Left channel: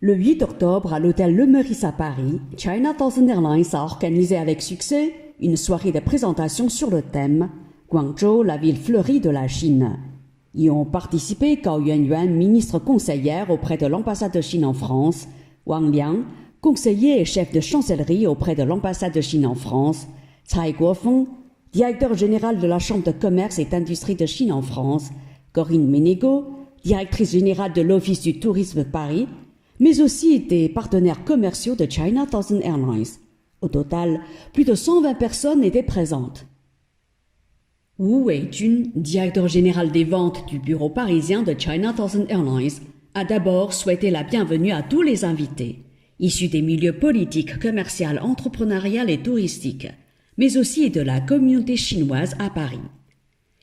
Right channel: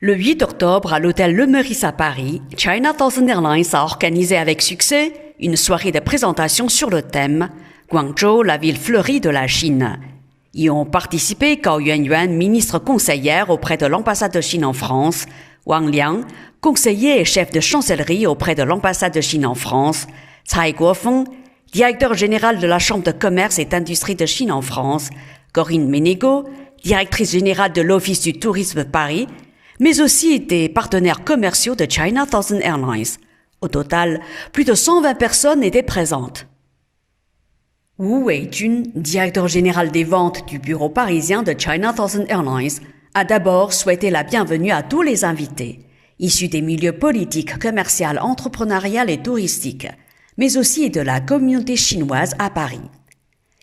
Le 8 octobre, à l'hôtel Le Meurice à Paris, China Southern Airlines a organisé avec succès une soirée de présentation sur le thème « Guangzhou, la ville fleurie de la Chine ». Y ont participé Gao Yuanyuan, ministre conseillère auprès de l'ambassade de Chine en France, Wang Liang, conseiller et chef de chancellerie auprès de l'ambassade de Chine en France, Cai Guofeng, directeur général de la Chambre de commerce et d'industrie de Chine en France, Corinne Ménégo, directrice générale de l'Office du tourisme Paris, mais aussi des partenaires commerciaux de China Southern Airlines. Au total, plus de 120 personnes étaient présentes. Wu Weijun, directeur général des ventes du bureau parisien de China Southern Airlines, a d'abord souhaité la bienvenue à tous les invités, issus des milieux politiques, commerciaux, entrepreneurial et touristiques, mais aussi de la communauté chinoise à Paris.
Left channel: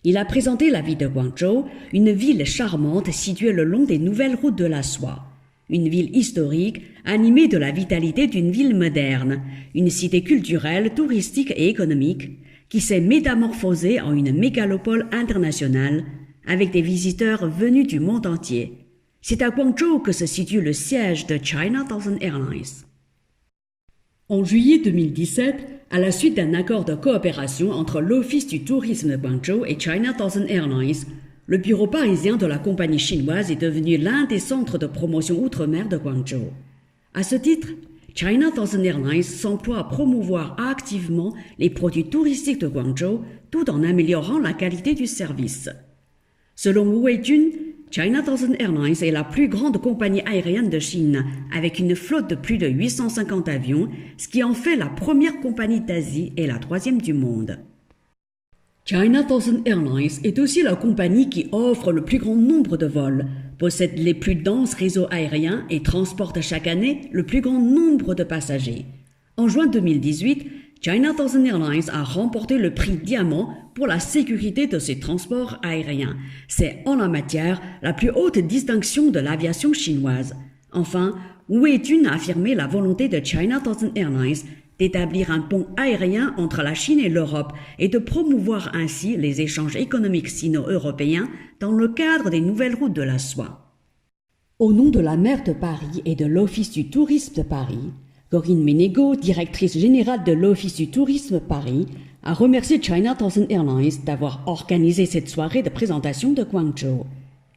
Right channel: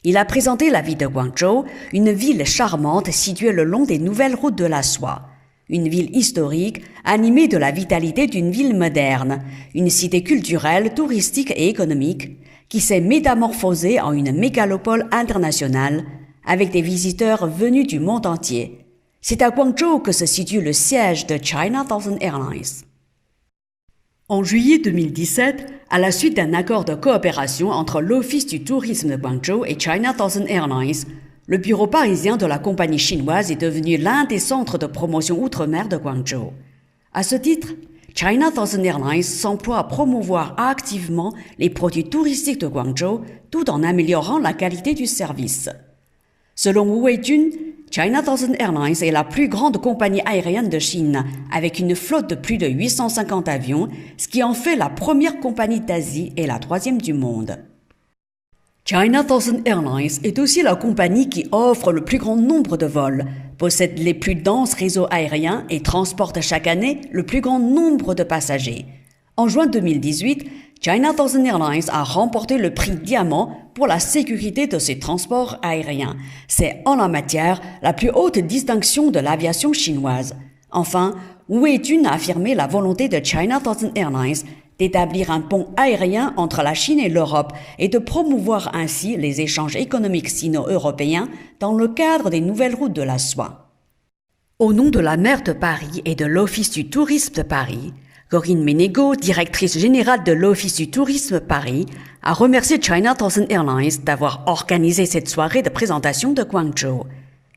Il a présenté la ville de Guangzhou, une ville charmante située le long des nouvelles routes de la soie. Une ville historique, animée de la vitalité d'une ville moderne, une cité culturelle, touristique et économique, qui s'est métamorphosée en une mégalopole internationale, avec des visiteurs venus du monde entier. C'est à Guangzhou que se situe le siège de China Southern Airlines. En juillet 2017, à la suite d'un accord de coopération entre l'Office du tourisme de Guangzhou et China Southern Airlines, le bureau parisien de la compagnie chinoise est devenu l'un des centres de promotion outre-mer de Guangzhou. À ce titre, China Southern Airlines s'emploie à promouvoir activement les produits touristiques de Guangzhou tout en améliorant la qualité du service. Selon Wu Weijun, China Southern Airlines est la plus grande compagnie aérienne de Chine, avec une flotte de plus de 850 avions, ce qui en fait la première compagnie d'Asie et la troisième du monde. China Southern Airlines est aussi la compagnie qui offre le plus grand nombre de vols, possède les plus denses réseaux aériens et transporte chaque année le plus grand nombre de passagers. En juin 2018, China Southern Airlines a remporté le prix Diamant pour la sécurité de ses transports aériens. C'est en la matière la plus haute distinction de l'aviation chinoise. Enfin, Wu Weijun a affirmé la volonté de China Southern Airlines d'établir un pont aérien entre la Chine et l'Europe et de promouvoir ainsi les échanges économiques sino-européens dans le cadre des nouvelles routes de la soie. Au nom de la maire de Paris et de l'Office du tourisme de Paris, Corinne Ménégo, directrice générale de l'Office du tourisme Paris, a remercié China Southern Airlines d'avoir organisé cette soirée de présentation de Guangzhou.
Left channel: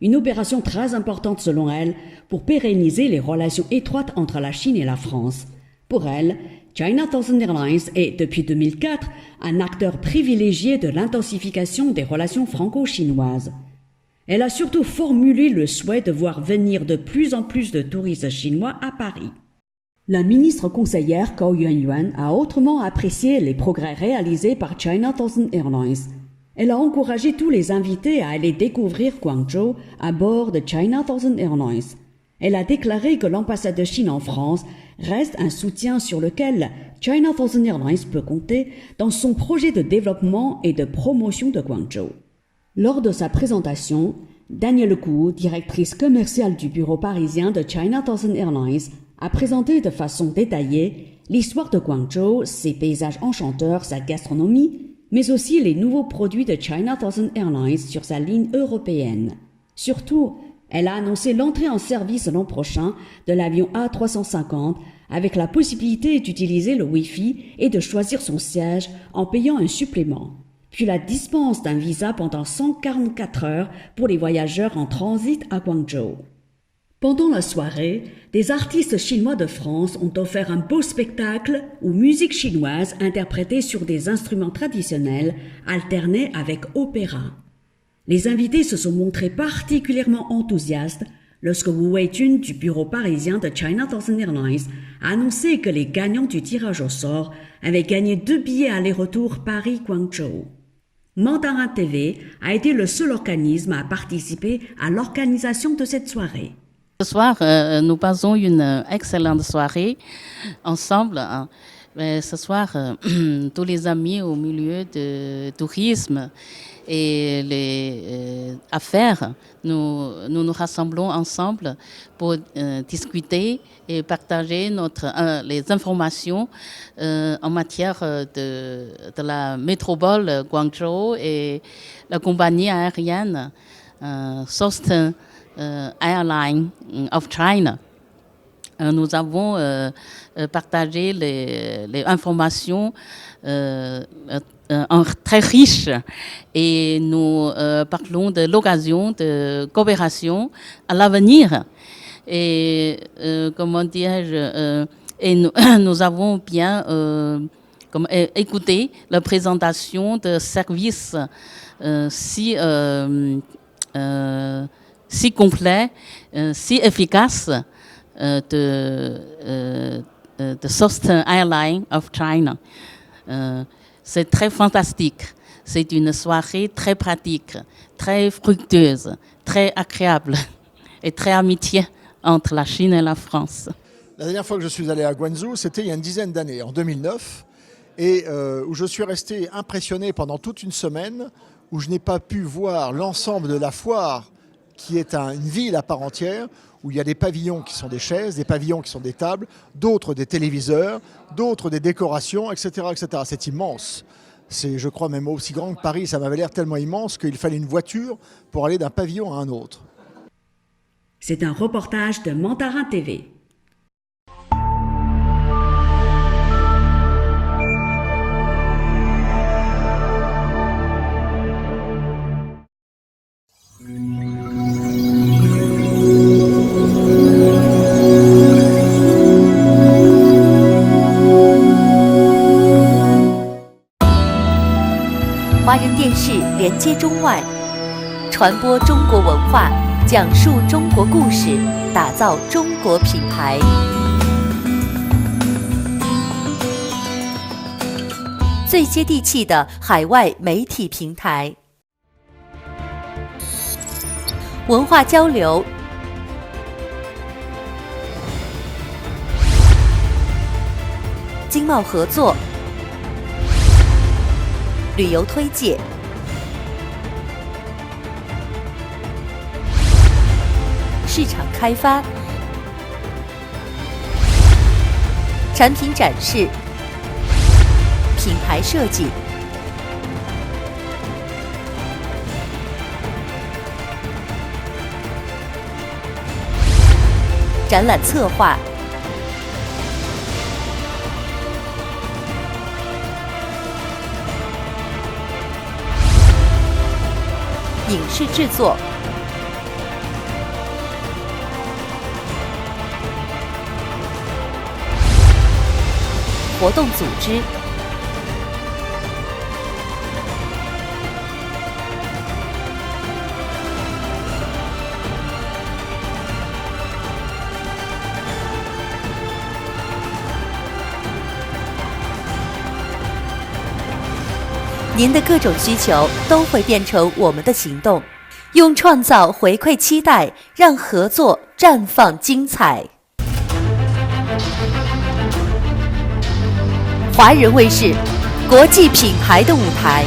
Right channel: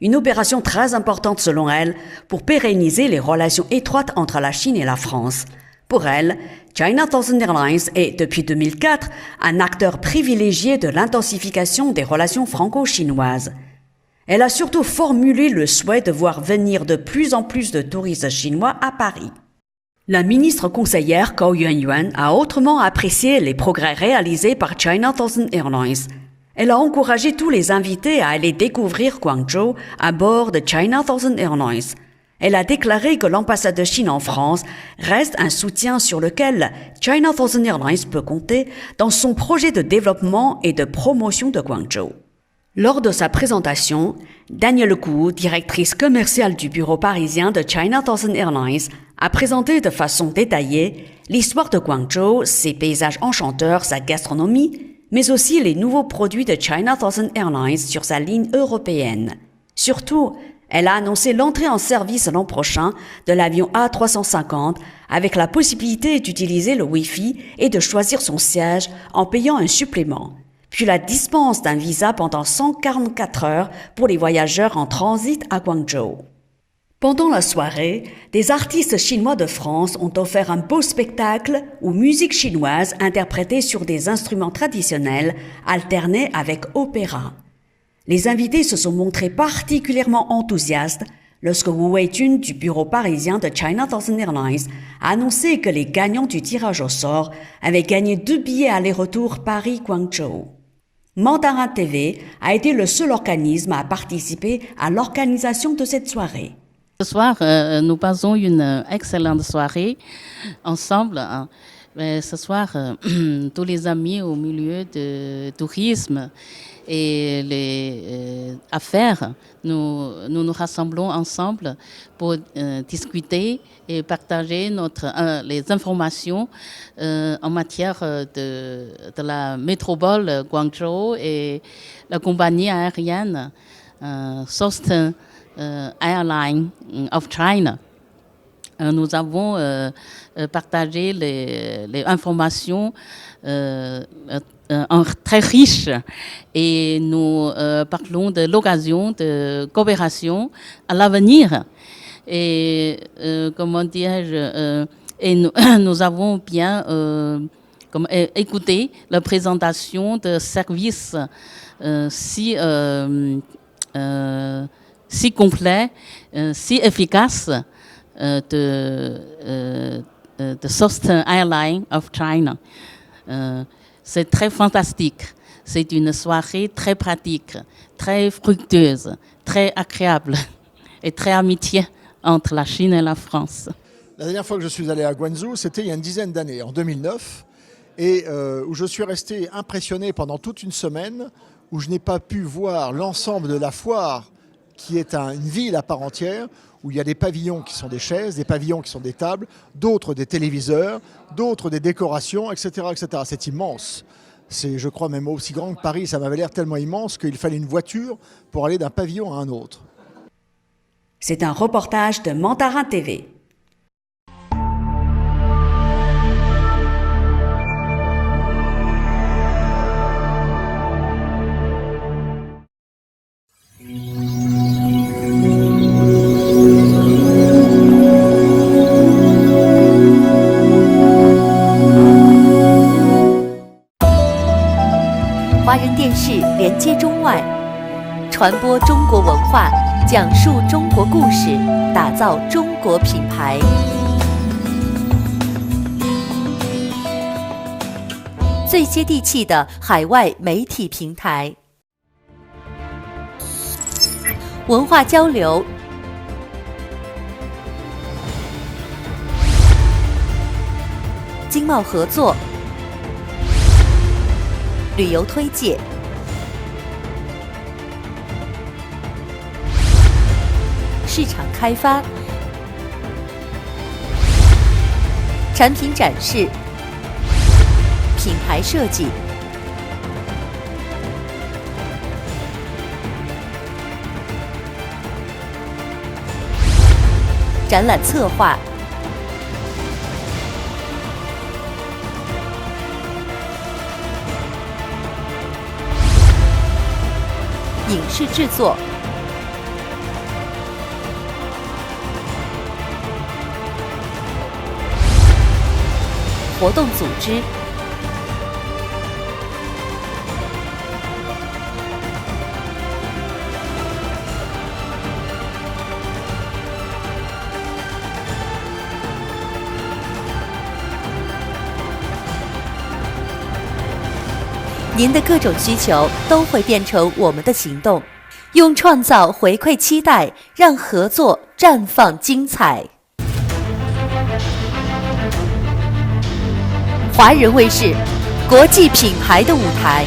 Une opération très importante selon elle pour pérenniser les relations étroites entre la Chine et la France. Pour elle, China Southern Airlines est, depuis 2004, un acteur privilégié de l'intensification des relations franco-chinoises. Elle a surtout formulé le souhait de voir venir de plus en plus de touristes chinois à Paris. La ministre conseillère Gao Yuanyuan a autrement apprécié les progrès réalisés par China Southern Airlines. Elle a encouragé tous les invités à aller découvrir Guangzhou à bord de China Southern Airlines. Elle a déclaré que l'ambassade de Chine en France reste un soutien sur lequel China Southern Airlines peut compter dans son projet de développement et de promotion de Guangzhou. Lors de sa présentation, Danielle Gu, directrice commerciale du bureau parisien de China Southern Airlines, a présenté de façon détaillée l'histoire de Guangzhou, ses paysages enchanteurs, sa gastronomie, mais aussi les nouveaux produits de China Southern Airlines sur sa ligne européenne. Surtout, elle a annoncé l'entrée en service l'an prochain de l'avion A350 avec la possibilité d'utiliser le Wi-Fi et de choisir son siège en payant un supplément, puis la dispense d'un visa pendant 144 heures pour les voyageurs en transit à Guangzhou. Pendant la soirée, des artistes chinois de France ont offert un beau spectacle où musique chinoise interprétée sur des instruments traditionnels alternée avec opéra. Les invités se sont montrés particulièrement enthousiastes lorsque Wu Weijun du bureau parisien de China Southern Airlines a annoncé que les gagnants du tirage au sort avaient gagné 2 billets aller-retour Paris-Guangzhou. Mandarin TV a été le seul organisme à participer à l'organisation de cette soirée. Ce soir, nous passons une excellente soirée ensemble. Ce soir, tous les amis au milieu du tourisme et les affaires, nous rassemblons ensemble pour discuter et partager les informations en matière de la métropole Guangzhou et la compagnie aérienne Southern Airlines of China. nous avons partagé les informations très riches et nous parlons de l'occasion de coopération à l'avenir. Et comment dirais-je, et nous avons bien écouté la présentation de services si complet, si efficace de Southern Airlines of China. C'est très fantastique. C'est une soirée très pratique, très fructueuse, très agréable et très amitié entre la Chine et la France. La dernière fois que je suis allé à Guangzhou, c'était il y a une dizaine d'années, en 2009, et où je suis resté impressionné pendant toute une semaine, où je n'ai pas pu voir l'ensemble de la foire, qui est une ville à part entière, où il y a des pavillons qui sont des chaises, des pavillons qui sont des tables, d'autres des téléviseurs, d'autres des décorations, etc., etc. C'est immense. C'est, je crois, même aussi grand que Paris. Ça m'avait l'air tellement immense qu'il fallait une voiture pour aller d'un pavillon à un autre. C'est un reportage de Mandarin TV.华人电视连接中外，传播中国文化，讲述中国故事，打造中国品牌。最接地气的海外媒体平台，文化交流，经贸合作，旅游推介，市场开发，产品展示，品牌设计，展览策划，影视制作，活动组织，您的各种需求都会变成我们的行动，用创造回馈期待，让合作绽放精彩。华人卫视，国际品牌的舞台。